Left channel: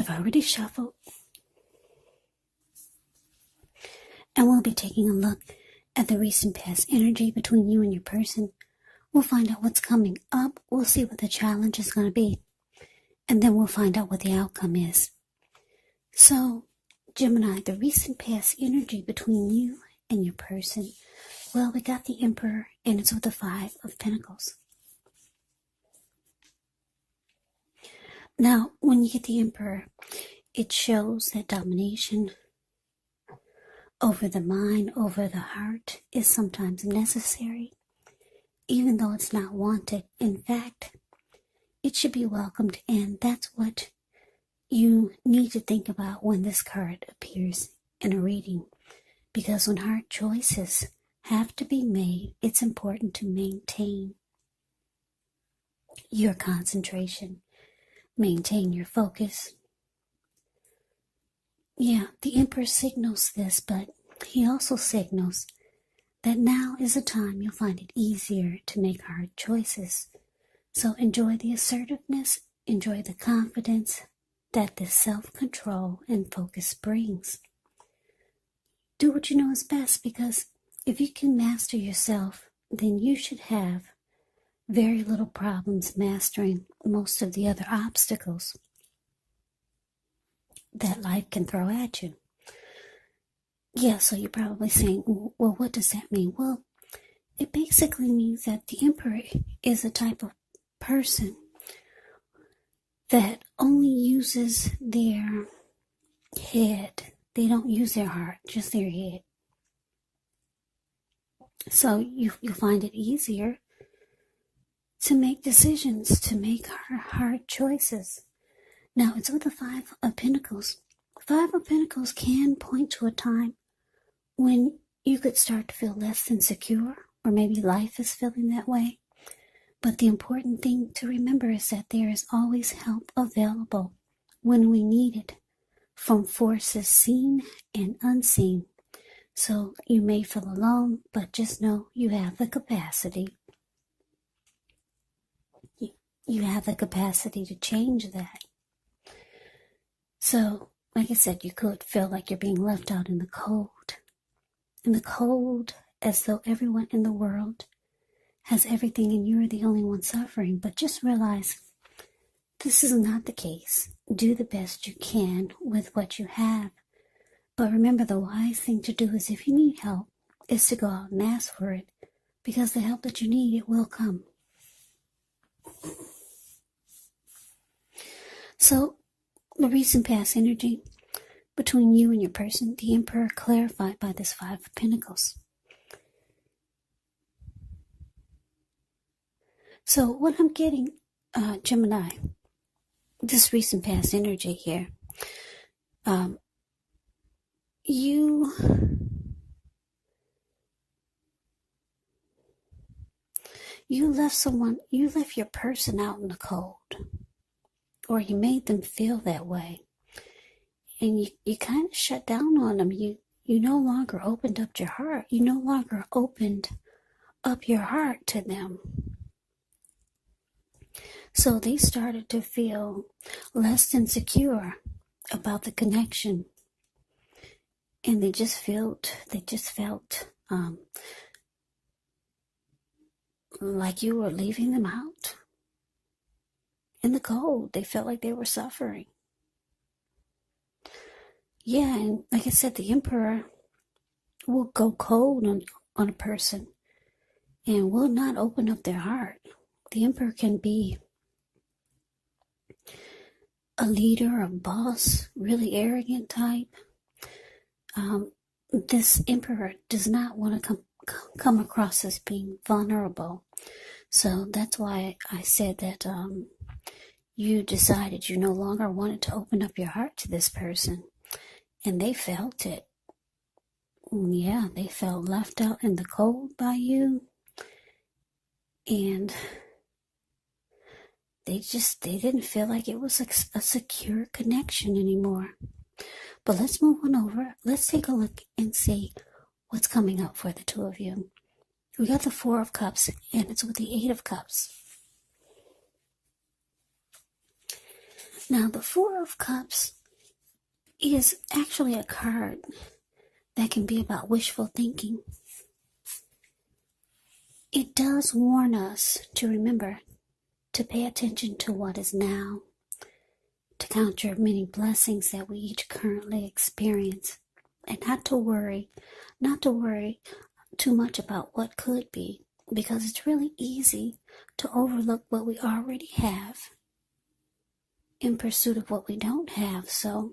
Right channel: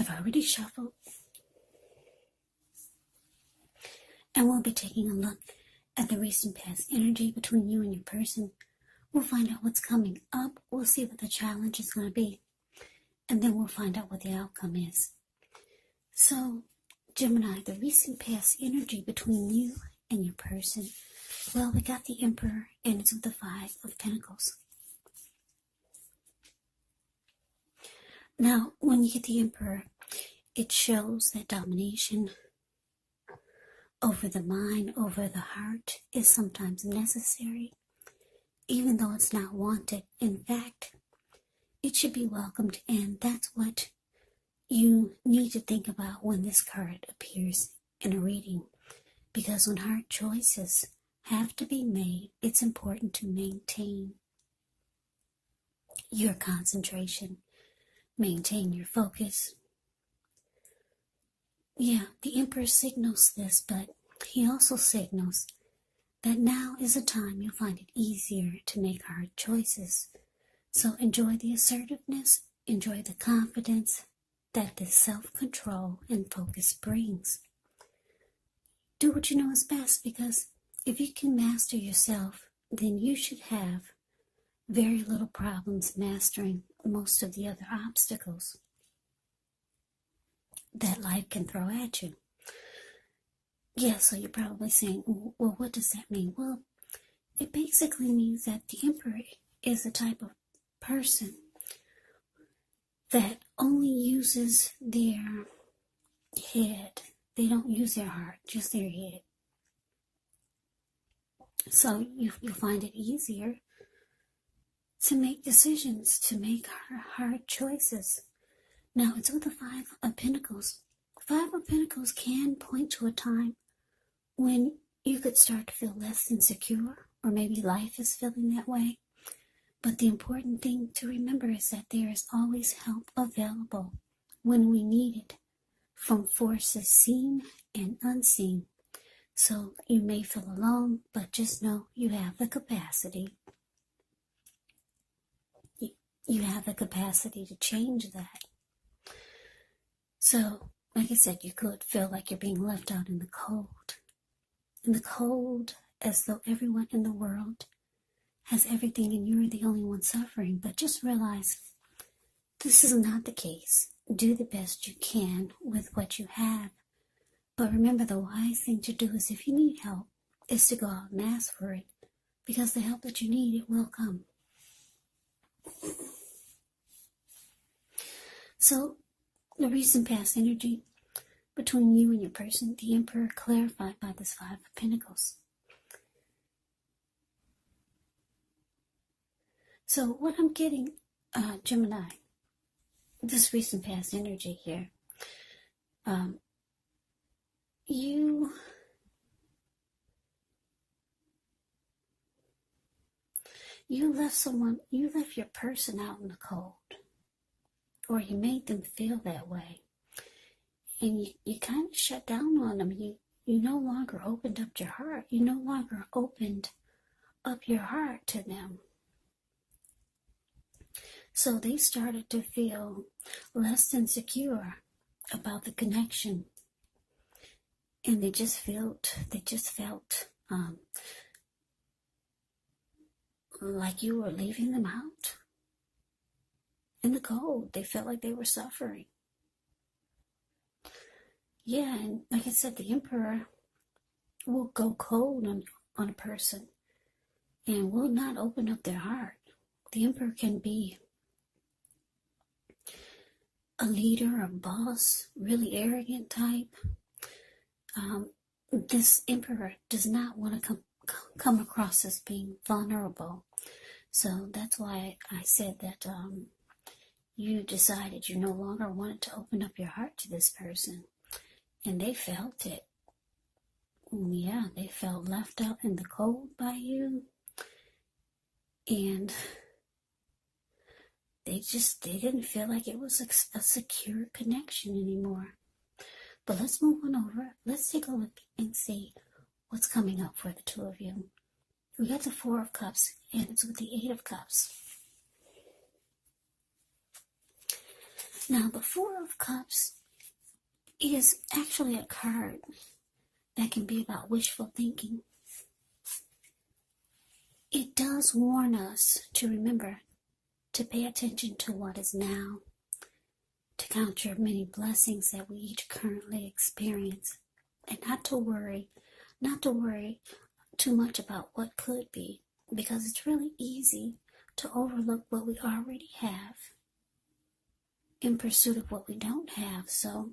I've already shuffled, and we'll be taking a look at the recent past energy between you and your person. We'll find out what's coming up. We'll see what the challenge is going to be, and then we'll find out what the outcome is. So, Gemini, the recent past energy between you and your person. Well, we got the Emperor, and it's with the Five of Pentacles. Now, when you get the Emperor, it shows that domination over the mind, over the heart, is sometimes necessary, even though it's not wanted. In fact, it should be welcomed, and that's what you need to think about when this card appears in a reading. Because when hard choices have to be made, it's important to maintain your concentration, maintain your focus. Yeah, the Emperor signals this, but he also signals that now is a time you'll find it easier to make hard choices. So enjoy the assertiveness, enjoy the confidence that this self-control and focus brings. Do what you know is best, because if you can master yourself, then you should have very little problems mastering most of the other obstacles that life can throw at you. Yeah, so you're probably saying, well, what does that mean? Well, it basically means that the Emperor is a type of person that only uses their head. They don't use their heart, just their head. So you'll find it easier to make decisions, to make hard choices. Now, it's with the Five of Pentacles. Five of Pentacles can point to a time when you could start to feel less than secure, or maybe life is feeling that way. But the important thing to remember is that there is always help available when we need it, from forces seen and unseen. So you may feel alone, but just know you have the capacity. You have the capacity to change that. So, like I said, you could feel like you're being left out in the cold. In the cold, as though everyone in the world has everything and you're the only one suffering. But just realize this is not the case. Do the best you can with what you have. But remember, the wise thing to do is, if you need help, is to go out and ask for it. Because the help that you need, it will come. So, the recent past energy between you and your person, the Emperor, clarified by this Five of Pentacles. So what I'm getting, Gemini, this recent past energy here, you left your person out in the cold. Or you made them feel that way. And you kind of shut down on them. You no longer opened up your heart. You no longer opened up your heart to them. So they started to feel less than secure about the connection. And they just felt like you were leaving them out in the cold. They felt like they were suffering. Yeah, and like I said, the Emperor will go cold on a person and will not open up their heart. The Emperor can be a leader, a boss, really arrogant type. This Emperor does not want to come across as being vulnerable. So that's why I said that you decided you no longer wanted to open up your heart to this person. And they felt it. Yeah, they felt left out in the cold by you. And they didn't feel like it was a secure connection anymore. But let's move on over. Let's take a look and see what's coming up for the two of you. We got the Four of Cups, and it's with the Eight of Cups. Now, the Four of Cups is actually a card that can be about wishful thinking. It does warn us to remember to pay attention to what is now, to count your many blessings that we each currently experience, and not to worry too much about what could be, because it's really easy to overlook what we already have in pursuit of what we don't have. So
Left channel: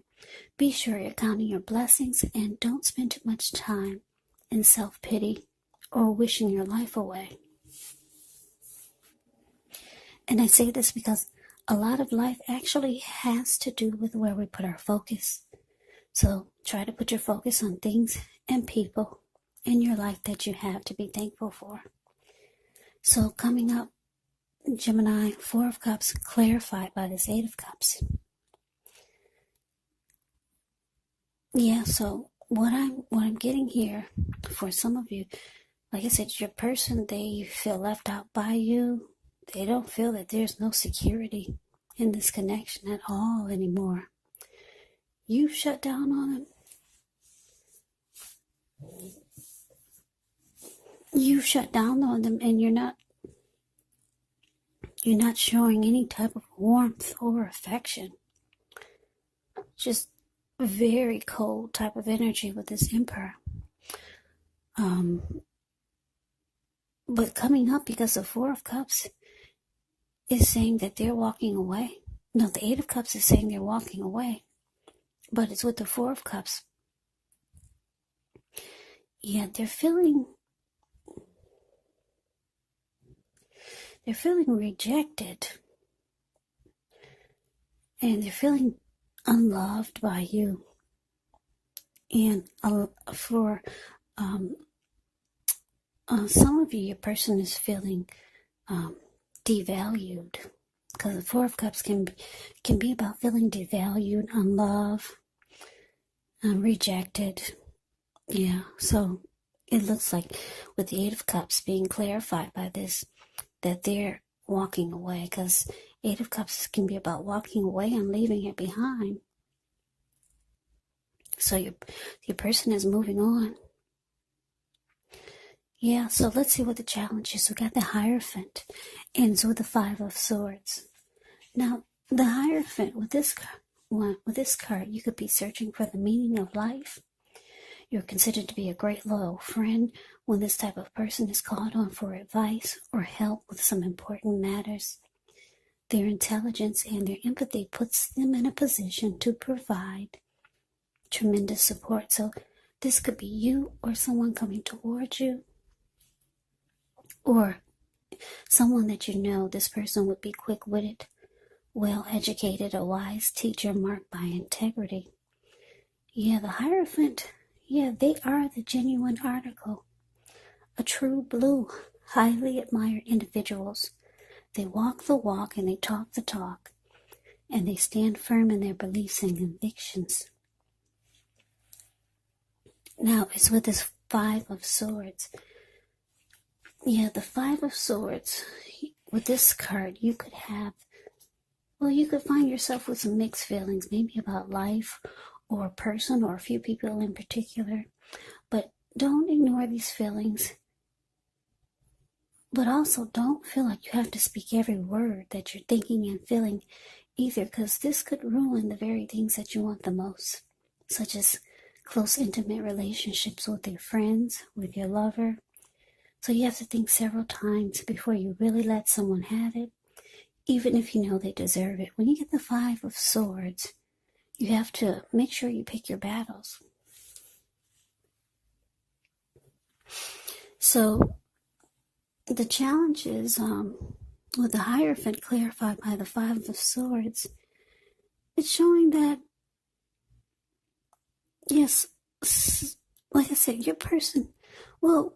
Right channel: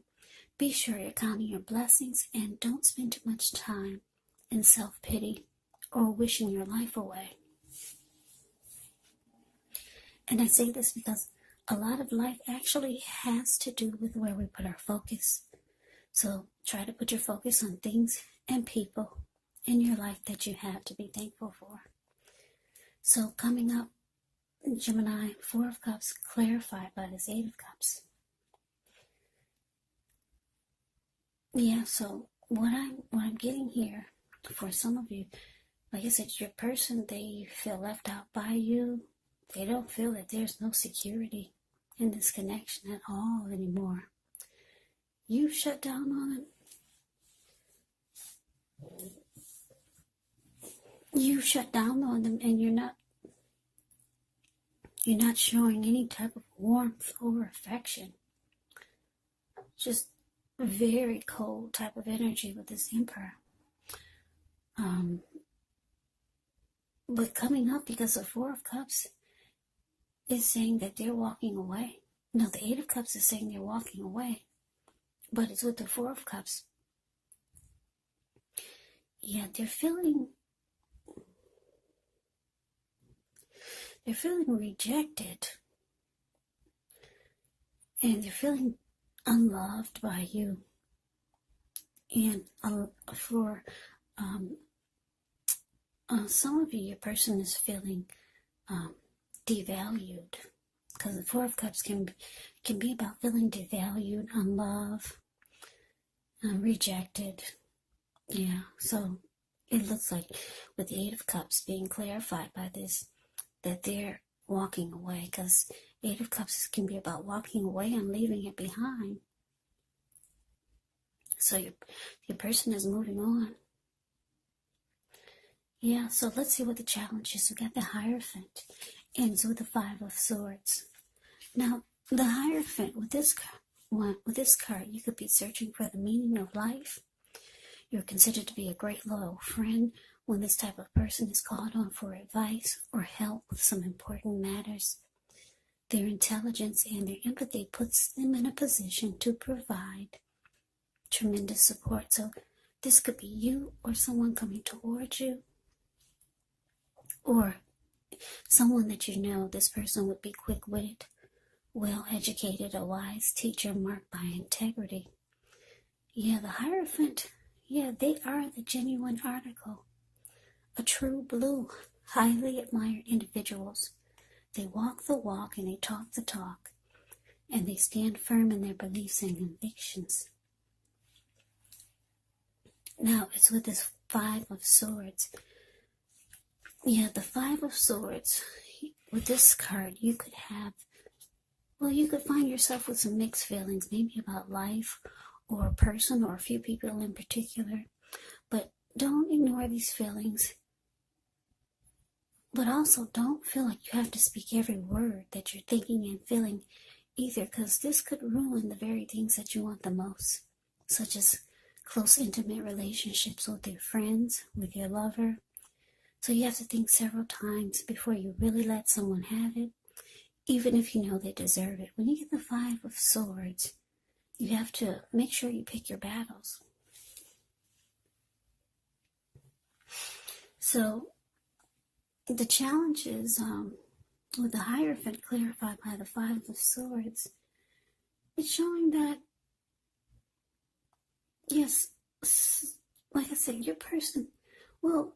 be sure you're counting your blessings and don't spend too much time in self-pity or wishing your life away. And I say this because a lot of life actually has to do with where we put our focus. So try to put your focus on things and people in your life that you have to be thankful for. So coming up, Gemini, Four of Cups clarified by this Eight of Cups. Yeah, so what I'm getting here for some of you, like I said, your person, they feel left out by you. They don't feel that there's no security in this connection at all anymore. You shut down on them. You shut down on them, and you're not showing any type of warmth or affection. Just a very cold type of energy with this Emperor. But coming up, because the Four of Cups is saying that they're walking away. No, the Eight of Cups is saying they're walking away. But it's with the Four of Cups. Yeah, they're feeling rejected. And they're feeling unloved by you. And for some of you, your person is feeling devalued, because the Four of Cups can be about feeling devalued, unloved, rejected. Yeah, so it looks like with the Eight of Cups being clarified by this, that they're walking away, because Eight of Cups can be about walking away and leaving it behind. So your person is moving on. Yeah, so let's see what the challenge is. We got the Hierophant, ends with the Five of Swords. Now, the Hierophant, with this card, you could be searching for the meaning of life. You're considered to be a great loyal friend when this type of person is called on for advice or help with some important matters. Their intelligence and their empathy puts them in a position to provide tremendous support. So this could be you or someone coming towards you, or someone that you know. This person would be quick-witted, well-educated, a wise teacher marked by integrity. Yeah, the Hierophant, yeah, they are the genuine article. A true blue, highly admired individuals. They walk the walk and they talk the talk, and they stand firm in their beliefs and convictions. Now, it's with this Five of Swords. Yeah, the Five of Swords, with this card, you could find yourself with some mixed feelings, maybe about life or a person or a few people in particular. But don't ignore these feelings. But also don't feel like you have to speak every word that you're thinking and feeling either, because this could ruin the very things that you want the most, such as close, intimate relationships with your friends, with your lover. So you have to think several times before you really let someone have it, even if you know they deserve it. When you get the Five of Swords, you have to make sure you pick your battles. So the challenge is, with the Hierophant clarified by the Five of Swords, it's showing that, yes, like I said, your person, well,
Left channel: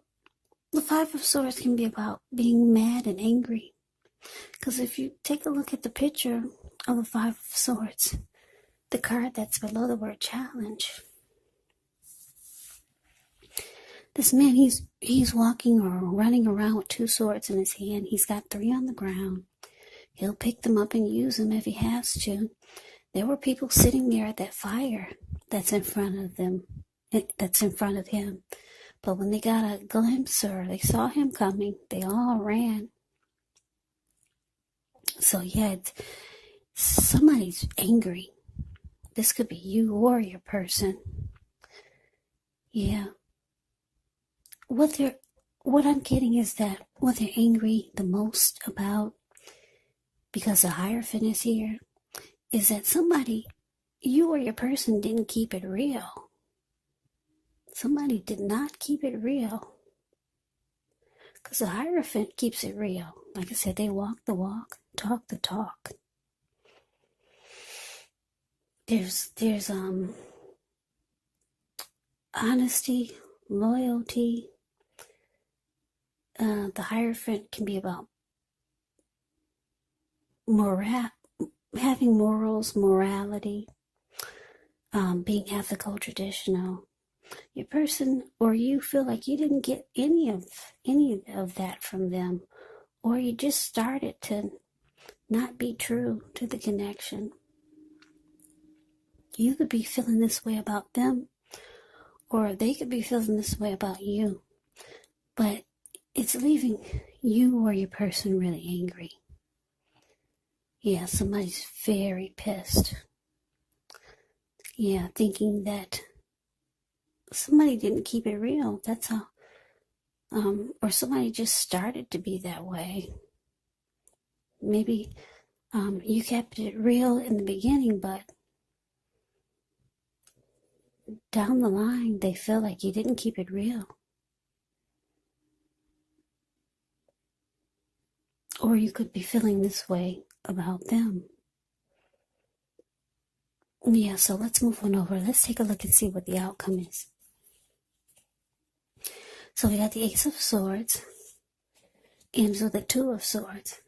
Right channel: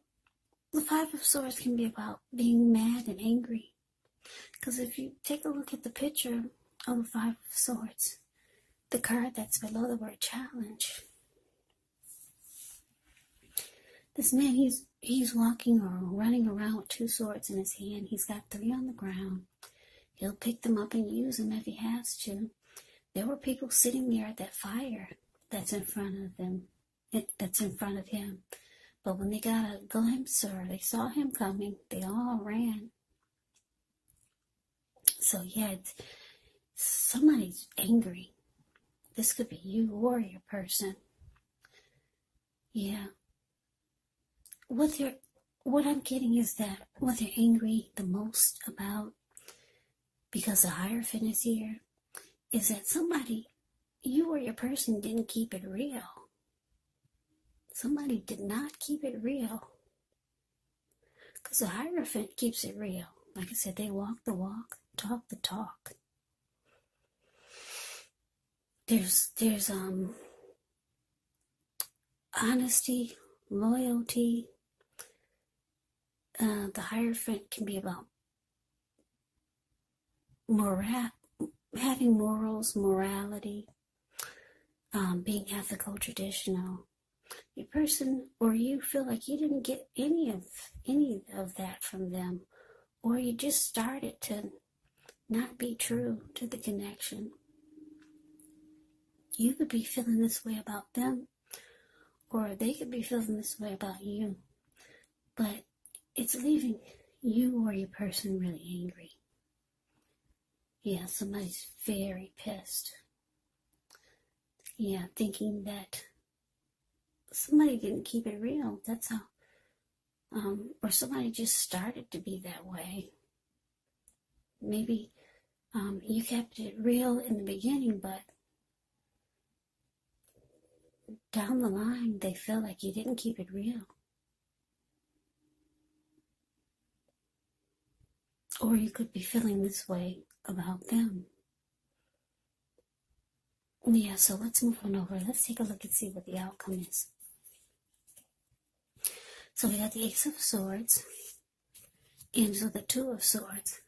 the Five of Swords can be about being mad and angry. Because if you take a look at the picture of the Five of Swords, the card that's below the word challenge, this man, he's walking or running around with two swords in his hand. He's got three on the ground. He'll pick them up and use them if he has to. There were people sitting there at that fire that's in front of them, that's in front of him. But when they got a glimpse or they saw him coming, they all ran. So yeah, somebody's angry. This could be you or your person. Yeah. What I'm getting is that what they're angry the most about, because the Hierophant is here, is that somebody, you or your person, didn't keep it real. Somebody did not keep it real. Because the Hierophant keeps it real. Like I said, they walk the walk, talk the talk. There's honesty, loyalty. The Hierophant can be about having morals, morality, being ethical, traditional. Your person or you feel like you didn't get any of that from them, or you just started to not be true to the connection. You could be feeling this way about them, or they could be feeling this way about you, but it's leaving you or your person really angry. Yeah, somebody's very pissed. Yeah, thinking that somebody didn't keep it real. That's all. Or somebody just started to be that way. Maybe you kept it real in the beginning, but down the line, they felt like you didn't keep it real. Or you could be feeling this way about them. Yeah, so let's move on over. Let's take a look and see what the outcome is. So we got the Ace of Swords and so the Two of Swords.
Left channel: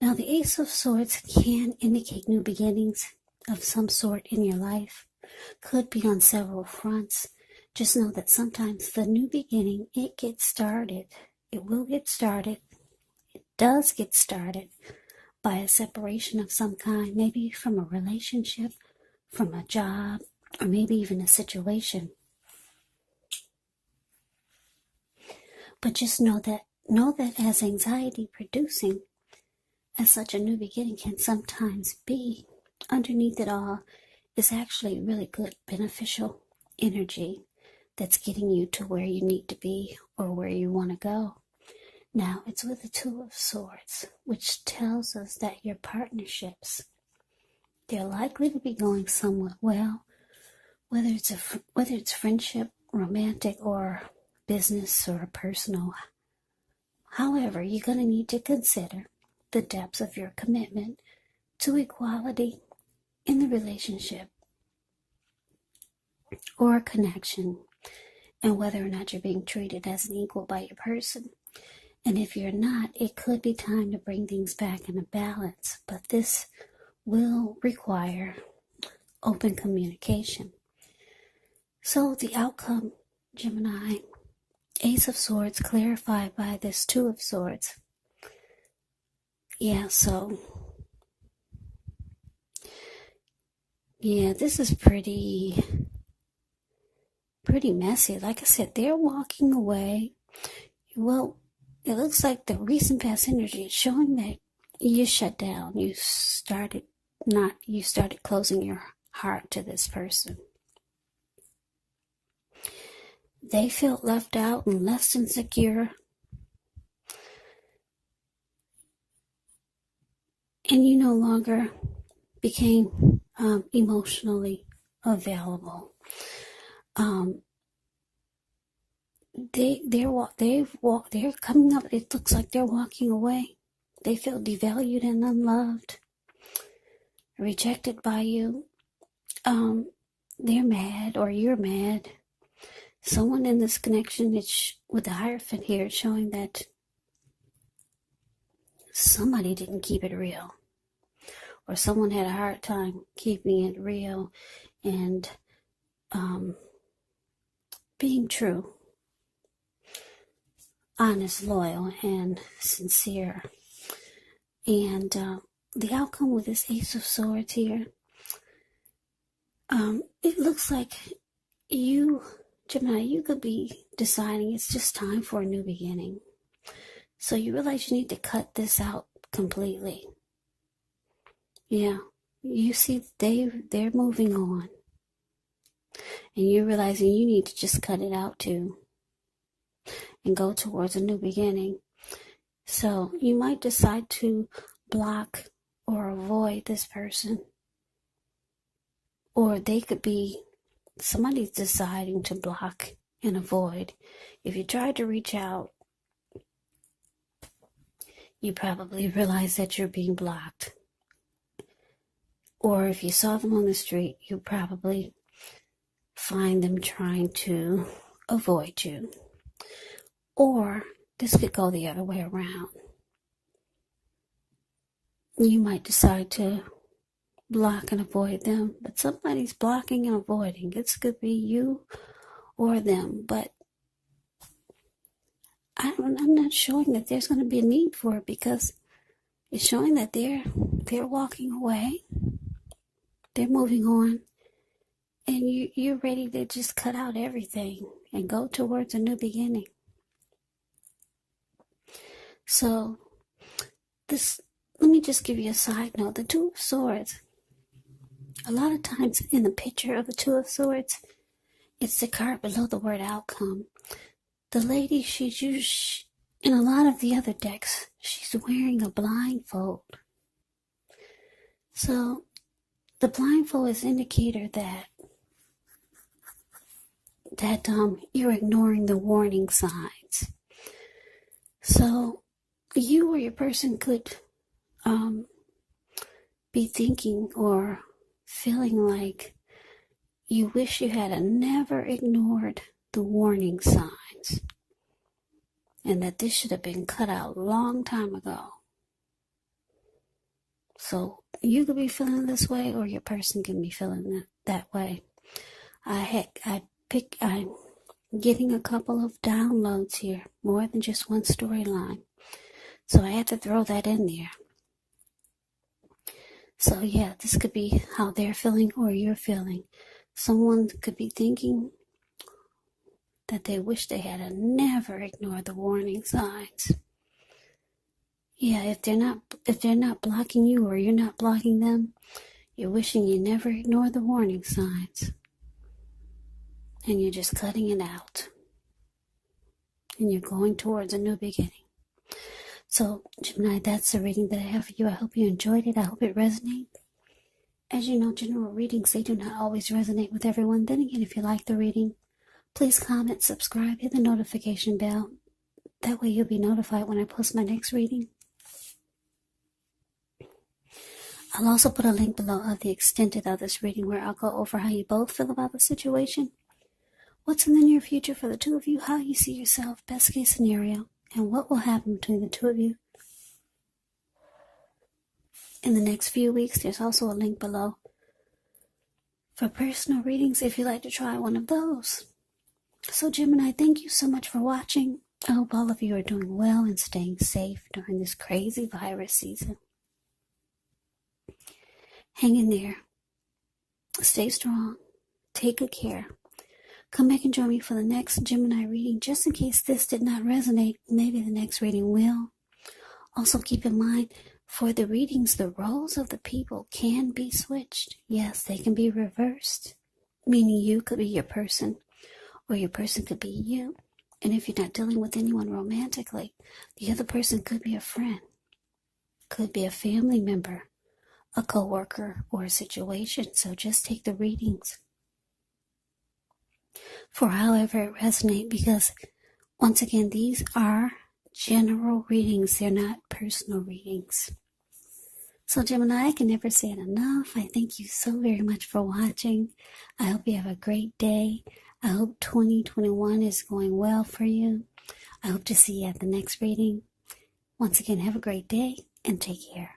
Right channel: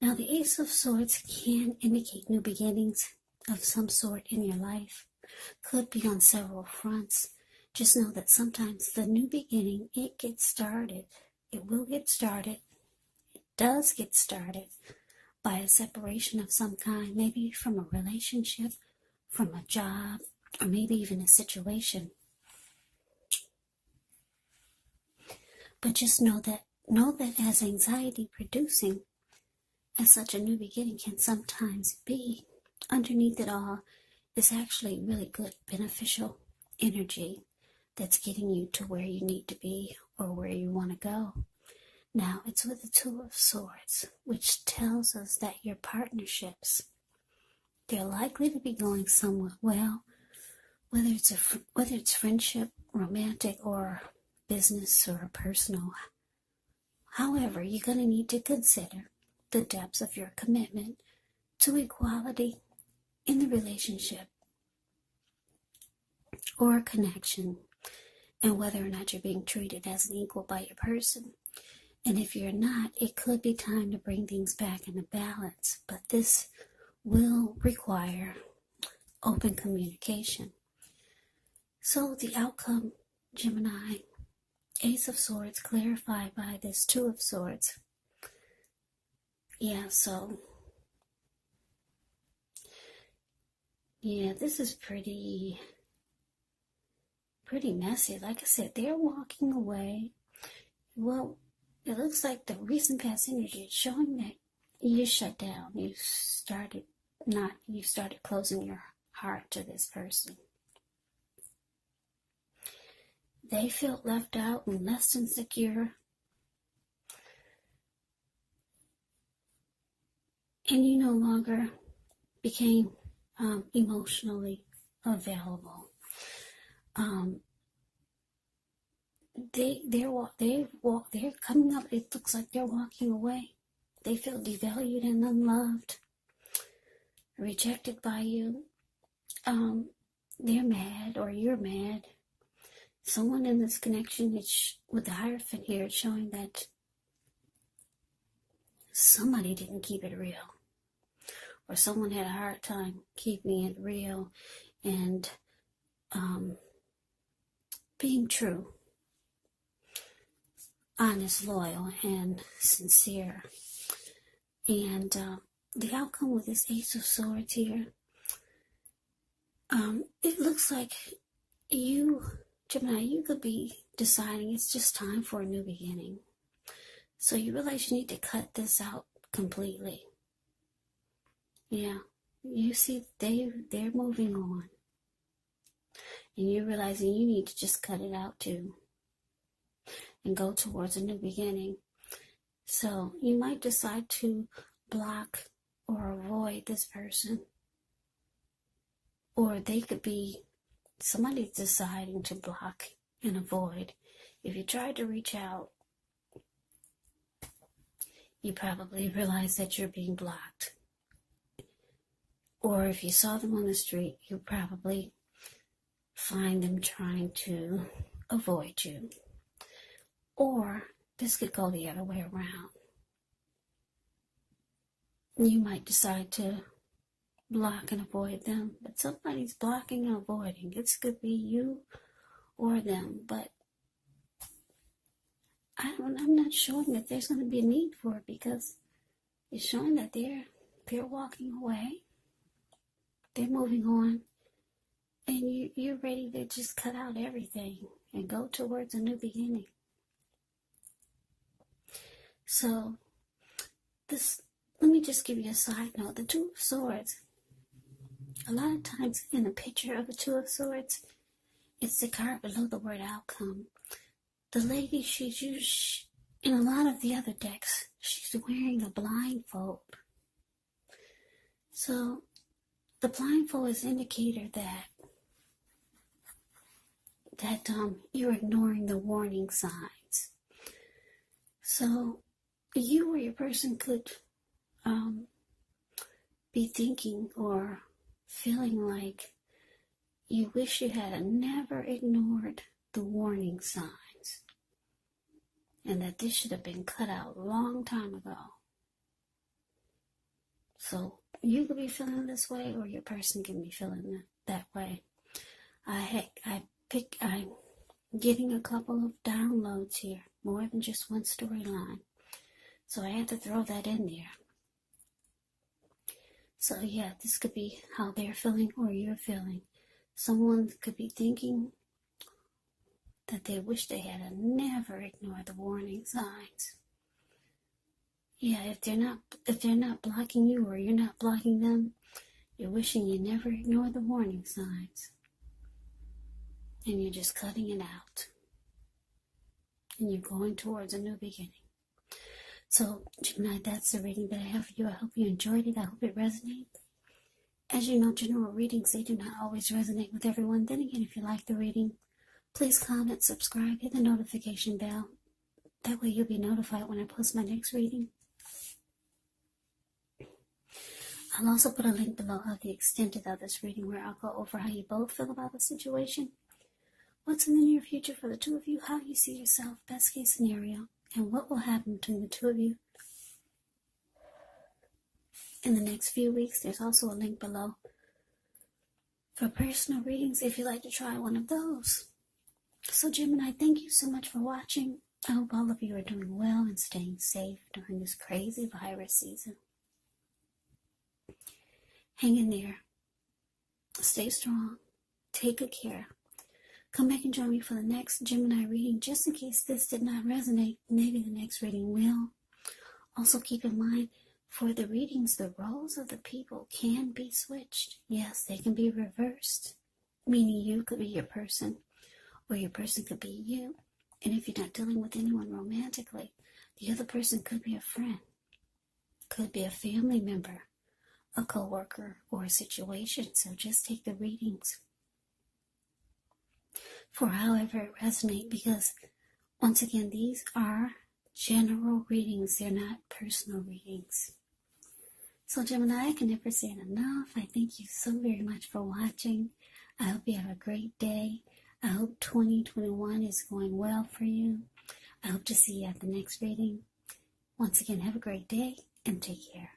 Now the Ace of Swords can indicate new beginnings of some sort in your life. Could be on several fronts. Just know that sometimes the new beginning, it gets started. It will get started. It does get started by a separation of some kind, maybe from a relationship, from a job, or maybe even a situation. But just know that as anxiety producing, as such a new beginning can sometimes be, underneath it all is actually really good, beneficial energy that's getting you to where you need to be or where you want to go. Now, it's with the Two of Swords, which tells us that your partnerships, they're likely to be going somewhat well, whether it's friendship, romantic, or business or personal. However, you're going to need to consider the depths of your commitment to equality in the relationship or connection, and whether or not you're being treated as an equal by your person. And if you're not, it could be time to bring things back into balance, but this will require open communication. So the outcome, Gemini, Ace of Swords clarified by this Two of Swords. Yeah, so yeah, this is pretty messy. Like I said, they're walking away. Well, it looks like the recent past energy is showing that you shut down. You started closing your heart to this person. They felt left out and less insecure. And you no longer became emotionally available. They're coming up. It looks like they're walking away. They feel devalued and unloved, rejected by you. They're mad, or you're mad. Someone in this connection, with the Hierophant here, showing that somebody didn't keep it real, or someone had a hard time keeping it real and being true, honest, loyal, and sincere. And the outcome with this Ace of Swords here, It looks like you, Gemini, you could be deciding it's just time for a new beginning. So you realize you need to cut this out completely. Yeah, you see they're moving on. And you're realizing you need to just cut it out too. And go towards a new beginning. So you might decide to block or avoid this person. Or they could be, somebody's deciding to block and avoid. If you tried to reach out, you probably realize that you're being blocked. Or if you saw them on the street, you probably find them trying to avoid you. Or this could go the other way around. You might decide to block and avoid them, but somebody's blocking and avoiding. It could be you or them, but I'm not showing that there's going to be a need for it, because it's showing that they're walking away, they're moving on, and you're ready to just cut out everything and go towards a new beginning. So let me just give you a side note. The Two of Swords, a lot of times in the picture of the Two of Swords, it's the card below the word outcome. The lady, she's used, in a lot of the other decks, she's wearing a blindfold. So the blindfold is an indicator that you're ignoring the warning signs. So you or your person could be thinking or feeling like you wish you had never ignored the warning signs, and that this should have been cut out a long time ago. So you could be feeling this way, or your person can be feeling that way. I'm getting a couple of downloads here, more than just one storyline. So I had to throw that in there. So yeah, this could be how they're feeling or you're feeling. Someone could be thinking that they wish they had never ignored the warning signs. Yeah, if they're not blocking you or you're not blocking them, you're wishing you never ignored the warning signs. And you're just cutting it out. And you're going towards a new beginning. So, Gemini, that's the reading that I have for you. I hope you enjoyed it. I hope it resonated. As you know, general readings, they do not always resonate with everyone. Then again, if you like the reading, please comment, subscribe, hit the notification bell. That way you'll be notified when I post my next reading. I'll also put a link below of the extended of this reading, where I'll go over how you both feel about the situation, what's in the near future for the two of you, how you see yourself, best case scenario, and what will happen between the two of you in the next few weeks. There's also a link below for personal readings if you'd like to try one of those. So Gemini, thank you so much for watching. I hope all of you are doing well and staying safe during this crazy virus season. Hang in there. Stay strong. Take good care. Come back and join me for the next Gemini reading. Just in case this did not resonate, maybe the next reading will. Also keep in mind, for the readings, the roles of the people can be switched. Yes, they can be reversed, meaning you could be your person, or your person could be you. And if you're not dealing with anyone romantically, the other person could be a friend, could be a family member, a co-worker, or a situation. So just take the readings for however it resonates, because once again, these are general readings. They're not personal readings. So Gemini, I can never say it enough. I thank you so very much for watching. I hope you have a great day. I hope 2021 is going well for you. I hope to see you at the next reading. Once again, have a great day and take care.